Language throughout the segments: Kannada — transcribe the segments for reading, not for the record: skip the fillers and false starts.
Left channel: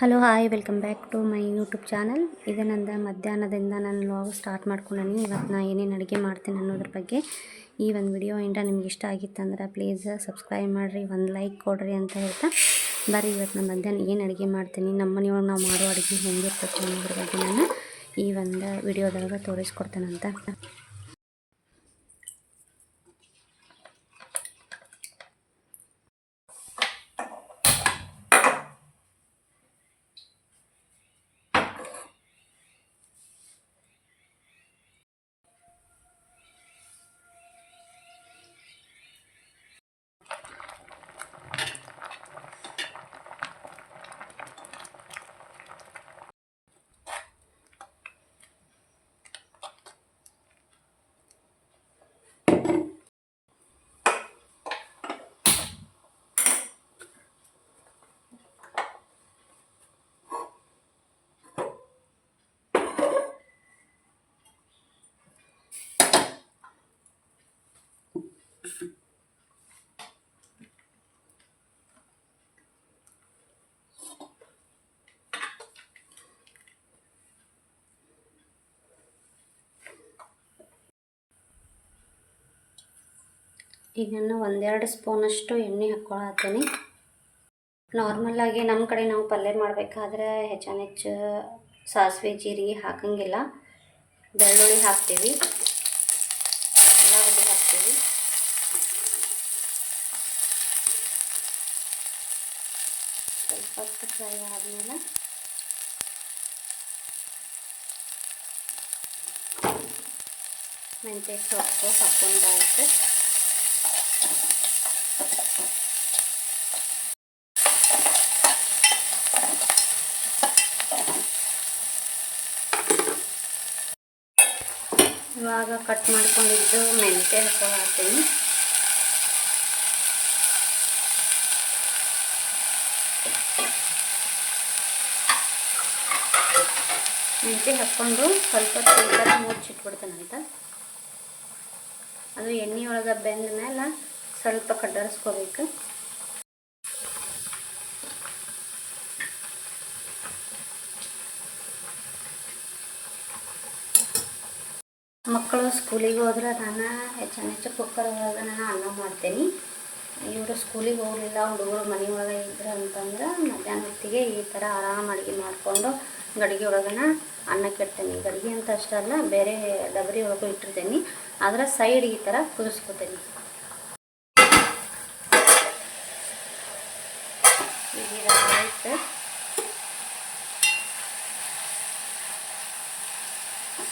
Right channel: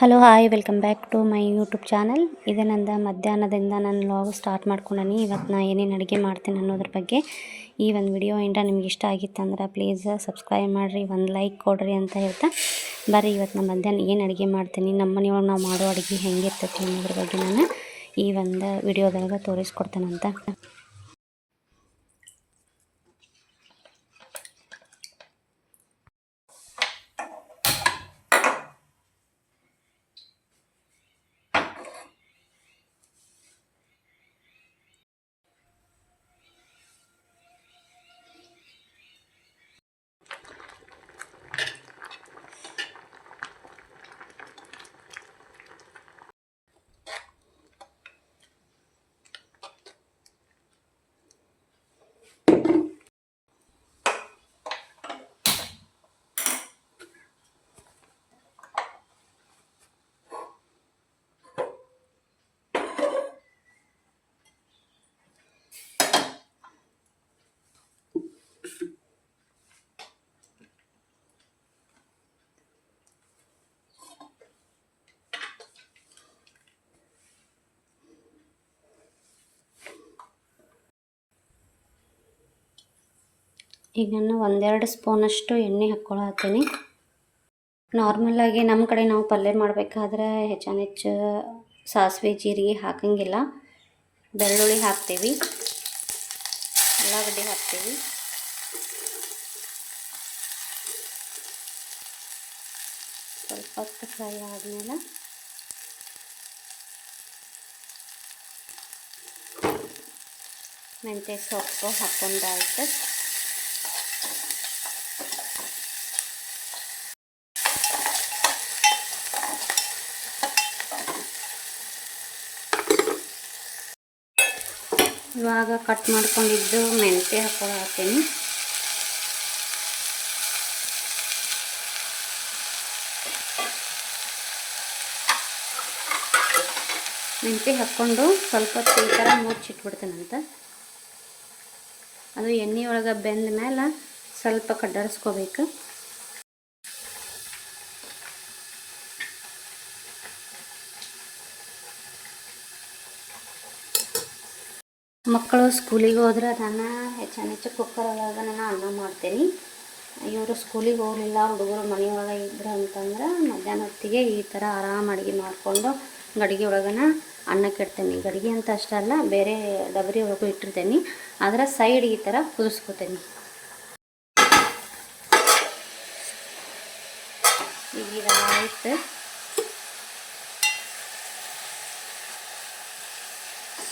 Hello hi welcome back to my YouTube channel. ಇದು ನಂದು ಮಧ್ಯಾಹ್ನದಿಂದ ನಾನು ವ್ಲಾಗ್ ಸ್ಟಾರ್ಟ್ ಮಾಡ್ಕೊಂಡೀನಿ. ಇವತ್ತು ನಾನು ಏನೇನು ಅಡುಗೆ ಮಾಡ್ತೀನಿ ಅನ್ನೋದ್ರ ಬಗ್ಗೆ ಈ ಒಂದು ವಿಡಿಯೋ ಇಂದ ನಿಮ್ಗೆ ಇಷ್ಟ ಆಗಿತ್ತಂದ್ರೆ ಪ್ಲೀಸ್ ಸಬ್ಸ್ಕ್ರೈಬ್ ಮಾಡಿರಿ, ಒಂದು ಲೈಕ್ ಕೊಡಿರಿ ಅಂತ ಹೇಳ್ತಾ ಬರ್ರಿ ಇವತ್ತು ನಾನು ಮಧ್ಯಾಹ್ನ ಏನು ಅಡುಗೆ ಮಾಡ್ತೀನಿ, ನಮ್ಮ ಮನೆಯೊಳಗೆ ನಾವು ಮಾಡೋ ಅಡುಗೆ ಹೆಂಗಿರ್ತೈತೆ ಅನ್ನೋದ್ರ ಬಗ್ಗೆ ನಾನು ಈ ಒಂದು ವಿಡಿಯೋದೊಳಗೆ ತೋರಿಸ್ಕೊಡ್ತೇನಂತ. ಈಗ ನಾನು ಒಂದೆರಡು ಸ್ಪೂನಷ್ಟು ಎಣ್ಣೆ ಹಾಕ್ಕೊಳತ್ತೀನಿ. ನಾರ್ಮಲಾಗಿ ನಮ್ಮ ಕಡೆ ನಾವು ಪಲ್ಯ ಮಾಡಬೇಕಾದ್ರೆ ಹೆಚ್ಚು ಸಾಸಿವೆ ಜೀರಿಗೆ ಹಾಕಂಗಿಲ್ಲ. ಬೆಳ್ಳುಳ್ಳಿ ಹಾಕ್ತೀವಿ, ಉಳ್ಳಾಗಡ್ಡಿ ಹಾಕ್ತೀವಿ, ಸ್ವಲ್ಪ ಹೊತ್ತು ಫ್ರೈ ಆದಮೇಲೆ ಮೆಂತ್ಯ ಸೊಪ್ಪು ಹಾಕ್ಕೊಂಡಾಯ್ತು. ಇವಾಗ ಕಟ್ ಮಾಡ್ಕೊಂಡಿದ್ದು ಮೆಂತ್ಯ ಹಾಕ್ತೀನಿ. ಮೆಂತ್ಯ ಹಾಕ್ಕೊಂಡು ಸ್ವಲ್ಪ ಈ ಥರ ಮುಚ್ಚಿಟ್ಬಿಡ್ತೀನಂತ. ಅದು ಎಣ್ಣೆ ಒಳಗೆ ಬೆಂದ ಮೇಲೆ ಸ್ವಲ್ಪ ಕಡ್ಡರಿಸ್ಕೋಬೇಕು. ಮಕ್ಕಳು ಸ್ಕೂಲಿಗೆ ಹೋದ್ರೆ ನಾನು ಹೆಚ್ಚು ಕುಕ್ಕರ್ ಒಳಗೆ ನಾನು ಅನ್ನ ಮಾಡ್ತೀನಿ. ಇವರು ಸ್ಕೂಲಿಗೆ ಹೋಗಲಿಲ್ಲ, ಹುಡುಗರು ಮನೆಯೊಳಗೆ ಇದ್ರು ಅಂತಂದ್ರೆ ಮಧ್ಯಾಹ್ನ ಹೊತ್ತಿಗೆ ಈ ಥರ ಆರಾಮ ಅಡುಗೆ ಮಾಡಿಕೊಂಡು ಗಡಿಗೆ ಒಳಗನ ಅನ್ನಕ್ಕೆ ಇಡ್ತೀನಿ. ಗಡಿಗೆ ಅಂತ ಅಷ್ಟಲ್ಲ, ಬೇರೆ ಡಬರಿ ಒಳಗೂ ಇಟ್ಟಿರ್ತೀನಿ. ಅದರ ಸೈಡ್ ಈ ಥರ ಕುದಿಸ್ಕೊತೀನಿ. ಈಗ ಆಯ್ತು,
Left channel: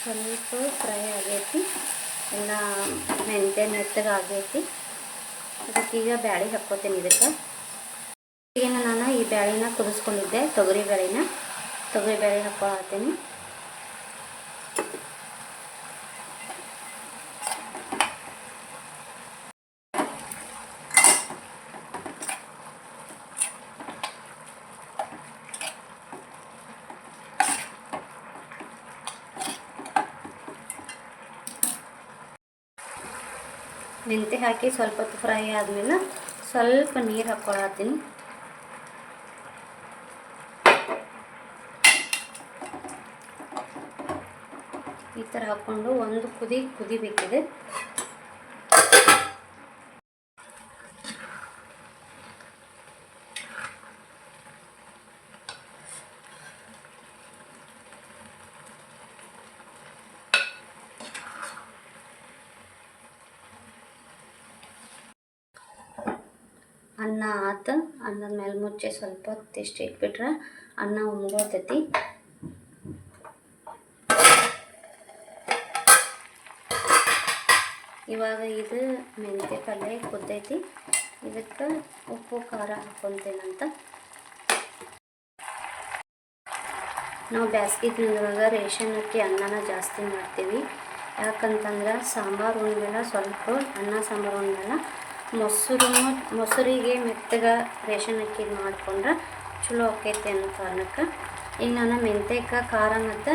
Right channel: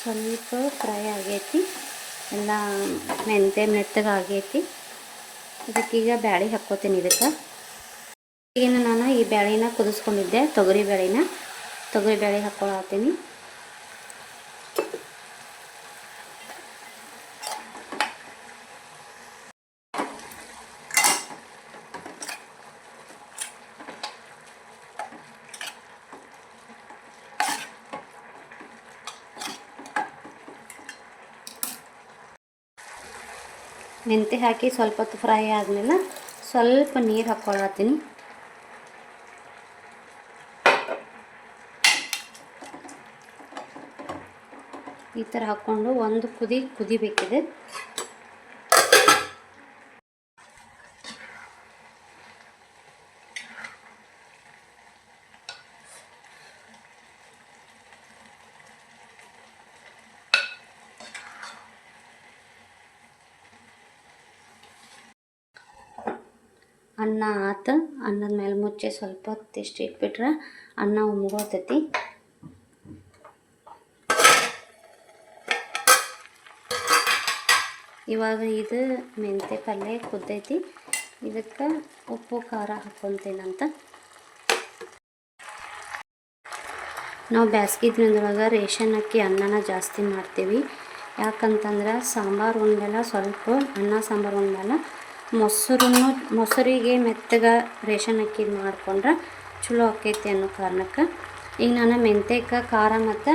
ಸ್ವಲ್ಪ ಫ್ರೈ ಆಗೈತಿ, ಎಲ್ಲ ಮೆಂತ್ಯ ಮೆತ್ತಗಾಗೈತಿ. ಇದಕ್ಕೀಗ ಬ್ಯಾಳೆ ಹಾಕ್ಕೋತೀನಿ. ಈಗ ನಾನು ಈ ಬ್ಯಾಳಿನ ಕುದಿಸ್ಕೊಂಡಿದ್ದೆ, ತೊಗರಿ ಬೇಳೆ ಹಾಕ್ಕೊಳತ್ತೀನಿ. ಮೆಂತ್ಯ ಹಾಕಿ ಸ್ವಲ್ಪ ಹೊತ್ತು ಫ್ರೈ ಆದಮೇಲೆ ಸ್ವಲ್ಪ ನೀರು ಹಾಕ್ಕೊಳತ್ತೀನಿ. ಈ ಥರ ಹಾಕ್ಕೊಂಡು ಒಂದು ಕುದಿಬೇಕಿದೆ. ಅನ್ನ ಆತು. ಅನ್ನದ ಮೇಲೆ ಮುಚ್ಚಿ ಸ್ವಲ್ಪ ಹೊತ್ತು ಇಷ್ಟು ಇಟ್ಬಿಟ್ರೆ ಅನ್ನ ಉಮ್ಗೋತೈತಿ. ಇವಾಗ ಇದು ಮೆಂತ್ಯ ಪಲ್ಯ ಕುದ್ದೈತಿ. ಇದಕ್ಕೆ ಉಪ್ಪು ಖಾರ ಹಾಕ್ಕೊತೀನಂತ. ನಾವು ಬ್ಯಾಸ್ಗೆ ದಿನದೊಳಗೆ ರೇಷನ್ ಅಕ್ಕಿ ಅನ್ನನ ಜಾಸ್ತಿ ಮಾಡ್ತೀವಿ. ಯಾಕಂತಂದ್ರೆ ಸಾಂಬಾರು ಉಂಡೆಲ್ಲ ಸ್ವಲ್ಪ ಅನ್ನ ಸಾಂಬಾರು ಉಂಡೆಲ್ಲ ಮೊಸರಿಗೆ ಮೆತ್ತಗೆ ರೇಷನ್ ಅಕ್ಕಿ ಮಾಡಿಕೊಂಡ್ರೆ ಚಲೋ ಆಕೈತಿ ಅನ್ನೋ ಕಾರಣಕ್ಕೆ ಈಗ ನಾನು ಮೆಂತ್ಯಕ್ಕೆ ಖಾರ ಮತ್ತು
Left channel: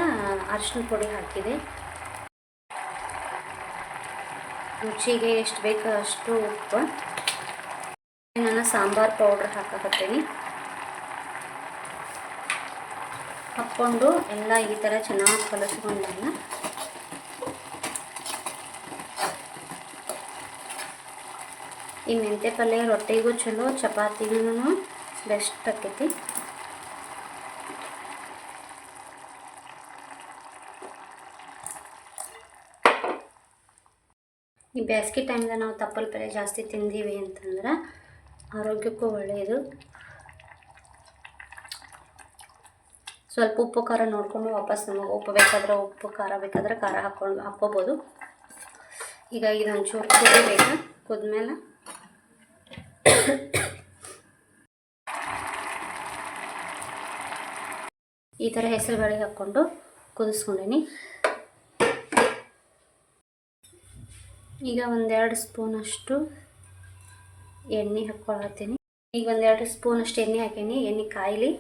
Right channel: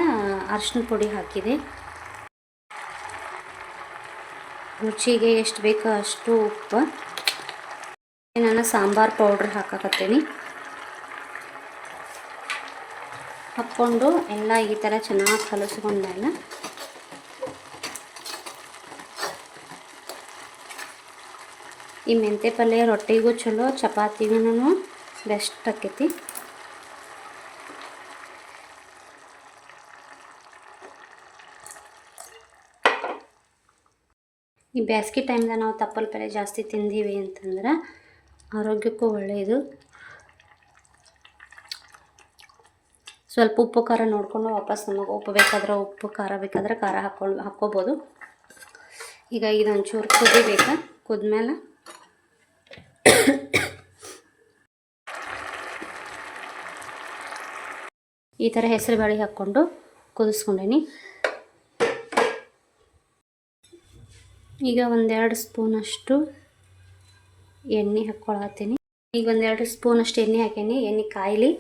ಅರಿಶಿನ ಪುಡಿ ಹಾಕಿದೆ. ರುಚಿಗೆ ಎಷ್ಟು ಬೇಕೋ ಅಷ್ಟು ಉಪ್ಪು. ನಾನು ಸಾಂಬಾರು ಪೌಡ್ರ್ ಹಾಕಕತ್ತೀನಿ. ಹಾಕ್ಕೊಂಡು ಎಲ್ಲ ಈ ಥರ ಚೆನ್ನಾಗಿ ಕಲಿಸ್ಕೊಂಡಾಗ ಈ ಮೆಂತ್ಯ ಪಲ್ಯ ರೊಟ್ಟಿಗೂ ಚಲೋ, ಚಪಾತಿಗೂ ಬೆಸ್ಟ್ ಆಕೈತಿ. ಈ ಬೇಸಿಗೆ ಟೈಮ್ದಾಗ ನಾವು ತಪ್ಪಲ ಪಲ್ಯ ಜಾಸ್ತಿ ತಿಂದೀವಿ ಅಂತಂದ್ರೆ ಆರೋಗ್ಯಕ್ಕೂ ಒಳ್ಳೆಯದು. ಸ್ವಲ್ಪ ಉಪ್ಪು ಖಾರ ನೋಡಿಕೊಂಡು ವಾಪಸ್ ನಮಗೆ ಉಪ್ಪು ಬೇಕಾದ್ರೆ ಉಪ್ಪು, ಖಾರ ಬೇಕಾದ್ರೆ ಖಾರ ಹಾಕ್ಕೋಬೋದು. ಈಗ ಇದೊಂಚೂರು ಕುದಿಬೇಕು. ಕುದ್ಮೇಲೆ ಈ ಥರ ಹೆಸರು ಬೇಳೆ ಹಾಕ್ಕೊಂಡು ಕುದಿಸ್ಕೊಂಡೇನಿ. ಈಗ 1-2 ಸ್ಪೂನಷ್ಟು ಎಣ್ಣೆ ಹಾಕ್ಕೊಳತ್ತೀನಿ. ಈಗ 1-2 ಸ್ಪೂನಷ್ಟು ಎಣ್ಣೆ ಹಾಕೀನಿ. ಎಣ್ಣೆ ಕಾಯ್ಲಿ.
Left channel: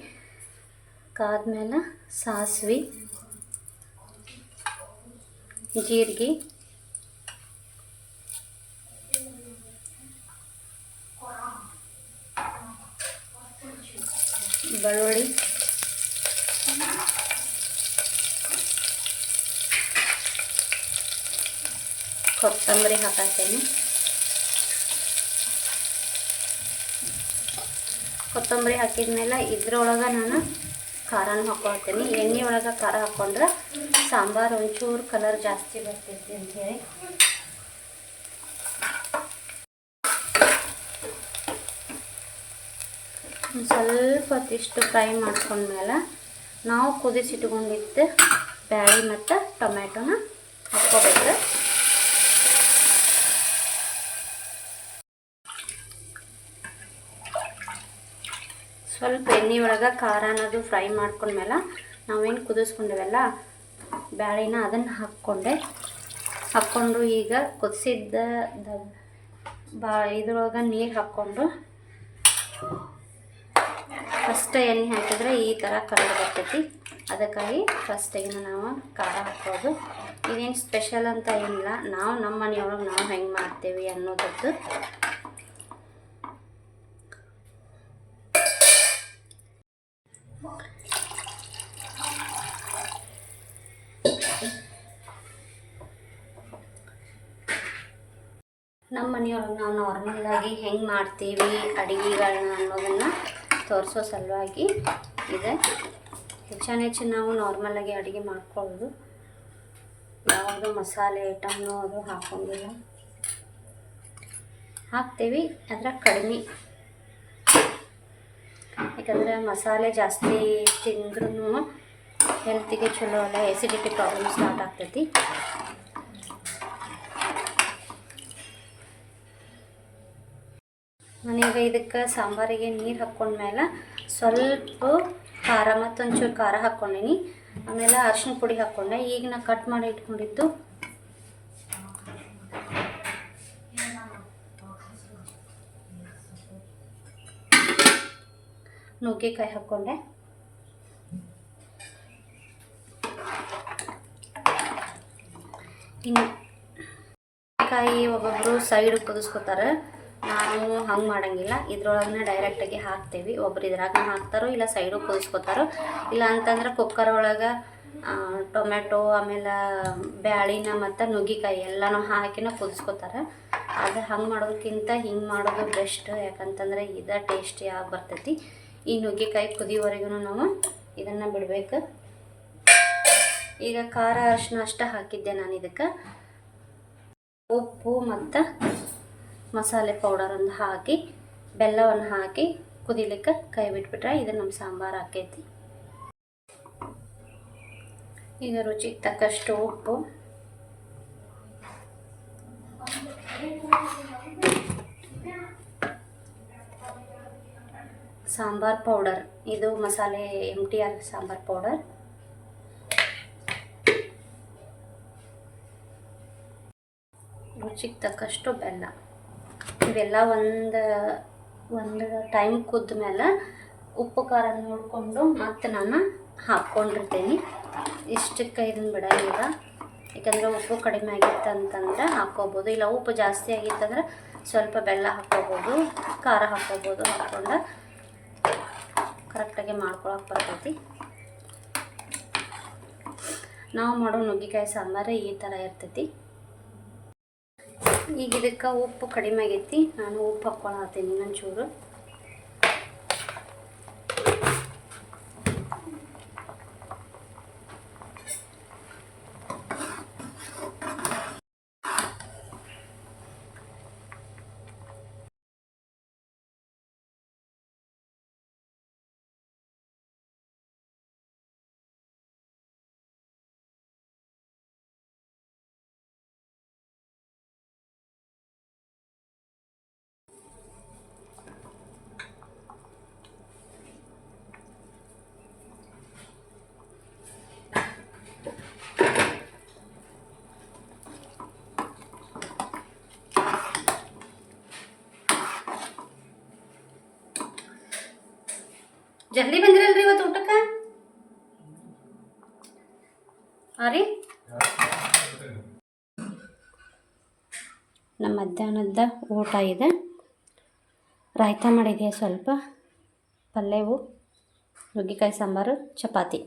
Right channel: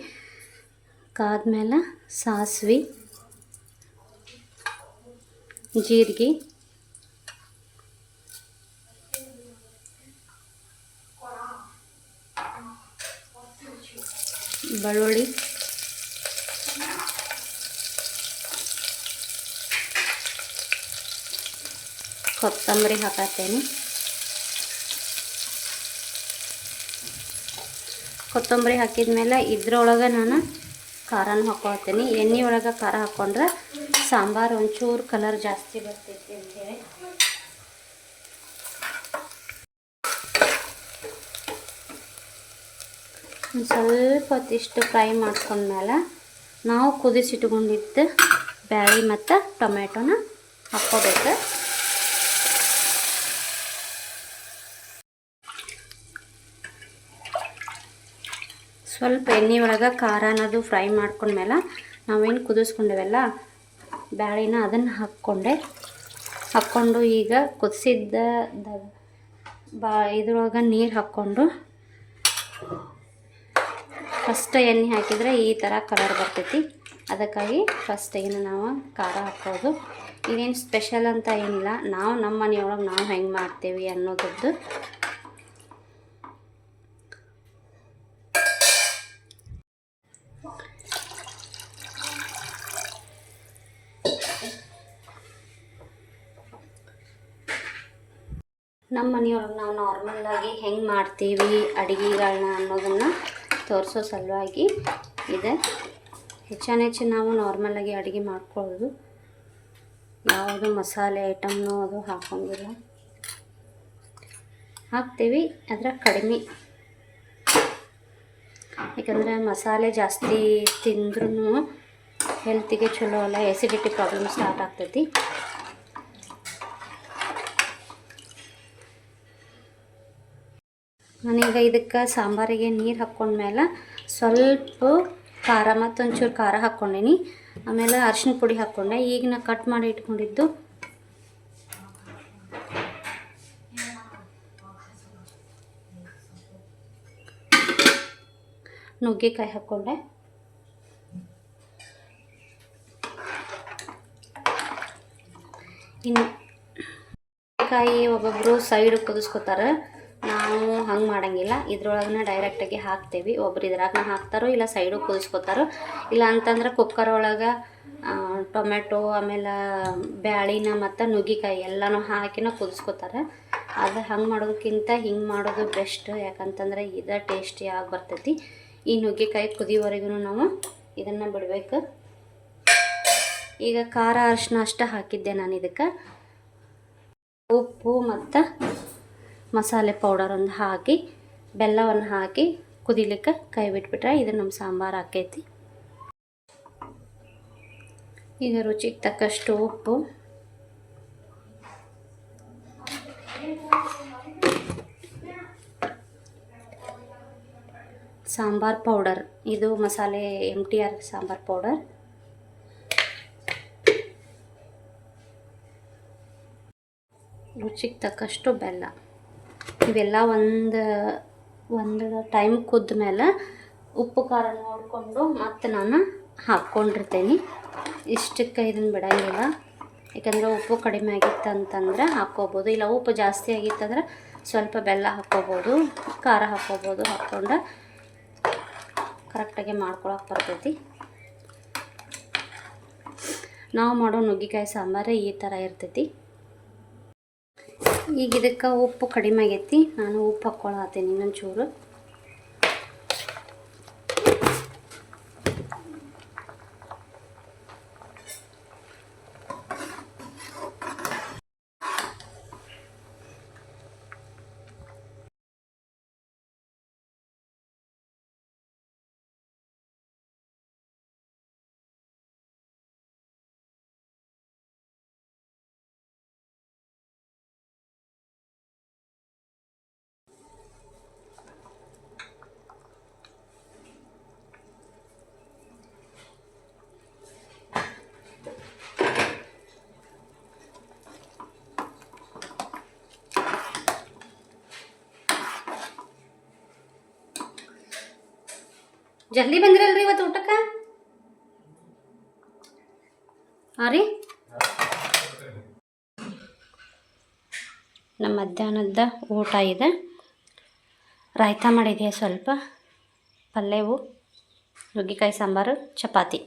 ಕಾದ್ಮೇಲೆ ಸಾಸಿವೆ, ಜೀರಿಗೆ, ಬೆಳ್ಳುಳ್ಳಿ, ಕೊತ್ತಂಬರಿ ಹಾಕತ್ತೇನೆ. ಕೊತ್ತಂಬರಿ ಹಾಕಿದ್ಮೇಲೆ ಇದ್ರೊಳಗೆ ನಾನು ಖಾರನೂ ಹಾಕ್ಕೊಳ್ತೀನಿ. ಎಣ್ಣೆ ಒಳಗೆ ಖಾರ ಹಾಕ್ಕೊಂಡ್ರೆ ಸಾಂಬಾರು ಒಂಚೂರು ಕಲರ್ ಜಾಸ್ತಿ ಬರ್ತೈತಿ ಅಂಥೇಳಿ ಸ್ವಲ್ಪ ಹೊತ್ತಿಷ್ಟು ಫ್ರೈ ಮಾಡ್ಕೊಂಡ್ಮೇಲೆ ನಾವು ಕುದಿಸಿಟ್ಕೊಂಡಿದ್ದು ಬ್ಯಾಳಿ ಮತ್ತು ಟೊಮೆಟೊನ ಹಾಕ್ಕೋಬೇಕು. ಸ್ವಲ್ಪ ಎಣ್ಣೆ ಒಳಗೆ ಖಾರ ಅನ್ನೋದು ಫ್ರೈ ಮಾಡ್ಕೊಂಡ್ಮೇಲೆ ನಾವೇನು ಕುದಿಸ್ಕೊಂಡೇವಲ್ಲ ಬ್ಯಾಳಿನ ಅದನ್ನು ಹಾಕ್ಕೊಂಡು ಈಗ ಕುದಿಸಿದ್ದ ಇದ್ರೊಳಗೆ ನೀರು ಹಾಕ್ಕೊಂಡು ಫಸ್ಟ್ ಎಣ್ಣೆ ಹಾಕಿದರೆ ಈ ಥರ ಕಲರ್ ಬರ್ತೈತಿ. ಅದಕ್ಕಾಗಿ ಫಸ್ಟಿಗೆ ನಾವು ಖಾರ ಹಾಕೋದು. ಇದೇನು ಸ್ಪೆಷಲ್ ಅಂತ ಏನಿಲ್ಲ, ನಾವು ನಮ್ಮ ಮನೆಯೊಳಗೆ ನಾವು ಹೆಂಗೆ ಮಾಡ್ತೇವೆ ಅನ್ನೋದದ್ದು. ನಮ್ಮ ಮನೆಯೊಳಗೆ ನಾವು ನಾರ್ಮಲಾಗಿ ಹೆಂಗೆ ಮಾಡ್ತೀವಿ ಅಡುಗೆಗಳನ್ನ ಅನ್ನೋದನ್ನು ತೋರಿಸೋ ಸಲುವಾಗಿ ಇದೆ. ಹೆಚ್ಚು ನಾವು ನಾರ್ಮಲಾಗಿ ಅಡುಗೆ ಮಾಡ್ಕೊಳ್ಳೋದು. ಯಾವುದು ಮಸಾಲೆ ಐಟಮ್ನು ಅದು ಹಾಕೋಂಗಿಲ್ಲ. ಹಾಕ್ತೇವೆ ಆದರೆ ಕಡಿಮೆ, ಯಾಕಂದರೆ ಮಸಾಲೆ ಜಾಸ್ತಿ ತಿಂದ್ರೂ ಹೆಲ್ತಿಗೆ ಚಲೋ ಅಲ್ಲ, ಎಸಿಡಿಟಿ ಪ್ರಾಬ್ಲಮ್ ಸ್ಟಾರ್ಟ್ ಆಗ್ತೈತಿ. ನಾನೀಗ ಇದಕ್ಕೆ ಸಾಂಬಾರಿಗೆ ನೀರು ಹಾಕ್ಕೊಂಡ್ಮೇಲೆ ಸ್ವಲ್ಪ ಖಾರ ಮತ್ತೊಂಚೂರು ಖಾರ ಹಾಕ್ಕೊಂಡೇನಿ. ಆಮೇಲೆ ಅರಿಶಿನ ಪುಡಿ ಹಾಕ್ಕೊಂಡೆ. ಈಗ ನಾ ಕಟ್ ಮಾಡಿ ಇಟ್ಕೊಂಡಿದ್ದು ನುಗ್ಗೆಕಾಯಿ ಹಾಕ್ಕೊಂಡೆ. ಇನ್ನು ನುಗ್ಗೆಕಾಯಿ ಒಬ್ಬೊಬ್ಬರು ಸೈಡ್ ಕುದಿಸ್ಕೊತಾರೆ, ನಾವು ಹಂಗೆ ಮಾಡೋಂಗಿಲ್ಲ. ಇದ್ರೊಳಗೆ ಡೈರೆಕ್ಟಾಗಿ ಹಾಕ್ತೇವೆ. ಒಬ್ರು ಇದ್ರಾಗ ಹಾಕ್ತಾರೋ ಇಲ್ಲ ಸೈಡು ಕುದಿಸ್ಕೊತಾರೋ, ಇಲ್ಲ ಅಂತಂದ್ರೆ ಕುಕ್ಕರ್ ಒಳಗೆ ಟೊಮೆಟೊ ಆಮೇಲೆ ಬ್ಯಾಳಿನ ಮತ್ತು ನುಗ್ಗೆಕಾಯಿ ಎಲ್ಲನೂ ಹಾಕಿನ ಕುದಿಸ್ಕೊತಾರೆ. ಅದು ಹಂಗೆ ಮಾಡೋದಕ್ಕಿಂತ ಹಿಂಗೆ ಮಾಡೋದು ಬೆಸ್ಟ್, ಯಾಕಂತಂದ್ರೆ ಇದು ಟೇಸ್ಟಿಯಾಗಿ ಬರ್ತೈತಿ. ಈ ನುಗ್ಗೆಕಾಯಿ ಕುದಿಯೋವರೆಗೂ ನಾವು ಇದನ್ನು ಬಿಡಬೇಕು. ಈಗ ಖಾರ ಅರಿಶಿನ ಅಷ್ಟೇ ಹಾಕಿದ್ದೆ ನಾನು. ಇದಕ್ಕೆ ಉಪ್ಪು ಮತ್ತು ಮಸಾಲೆ ಪೌಡರನ್ನು ಹಾಕಿ ಬೆಲ್ಲವನ್ನು ಹಾಕಿ ಕುದಿಲಿಕ್ಕೆ ಕೈ ಬಿಟ್ಬಿಟ್ರೆ ಇದು ನಮ್ಮ ಸಾಂಬಾರು ಆಕೈತಿ. ಈಗ ರುಚಿಗೆ ತಕ್ಕಷ್ಟು ಉಪ್ಪು, ಸಾಂಬಾರ್ ಪೌಡರ್, ಇದು ಮಸಾಲೆ MTR ಸಾಂಬಾರ್ ಪೌಡರ್, ರುಚಿಗೆ ತಕ್ಕಷ್ಟು ಬೆಲ್ಲ. ಇವೆಲ್ಲ ಒಂದು ಟೈಮ್ ಕುದ್ದ ಮೇಲೆ ಉಪ್ಪು ಖಾರ ನೋಡಿಕೊಂಡು ಮತ್ತು ನಾನು ಹಾಕ್ಕೊಂಡಿರ್ತೇನೆ. ಇಷ್ಟಕ್ಕೆ ಇದನ್ನು ಬಿಡೋಂಗಿಲ್ಲ, ಯಾಕಂದರೆ ಉಪ್ಪು ಕಡಿಮೆ ಆಗಿತ್ತು ಅಂತಂದರೆ ಹಾಕ್ಕೋಬೋದು, ಇಲ್ಲ ಉಪ್ಪು ಜಾಸ್ತಿ ಆಗಿತ್ತಂದ್ರೆ ಸ್ವಲ್ಪ ಬೆಲ್ಲ ಹಾಕ್ಕೋಬೋದು, ಖಾರ ಹಾಕ್ಕೋಬೋದು. ಹಾಕ್ಕೊಂಡು ಕರೆಕ್ಟಾಗಿ ಮಾಡ್ಕೊಳಕ್ಕೆ ಬರ್ತೈತಿ. ನಾವು ಮಾಡೋ ನುಗ್ಗಿಕಾಯಿ ಸಾಂಬಾರು ಈ ಥರ ಇರ್ತೈತಿ. ಈಗ ಇದಕ್ಕೆ ಉಪ್ಪು ಕಡಿಮೆ ಆಗೈತಿ, ನಾನು ಉಪ್ಪು ಹಾಕ್ಕೊಳತ್ತೀನಿ ಇನ್ನೊಂಚೂರು. ಜಲ್ದಿ ಬಂದಿರಲ್ರಿ ಇವತ್ತು ಊಟಕ್ಕೆ? ಹಾಂ ರೀ, ನಮ್ಮ ಮಧ್ಯಾಹ್ನದ ಊಟ ಇದೆ. ರಾಯ್ತ ಮಾಡಿದೆಯಾ ಸ್ವಲ್ಪ, ಪಲ್ಯವು, ನುಗ್ಗಿಕಾಯಿ ಸಾಂಬಾರು, ಚಪಾತಿ.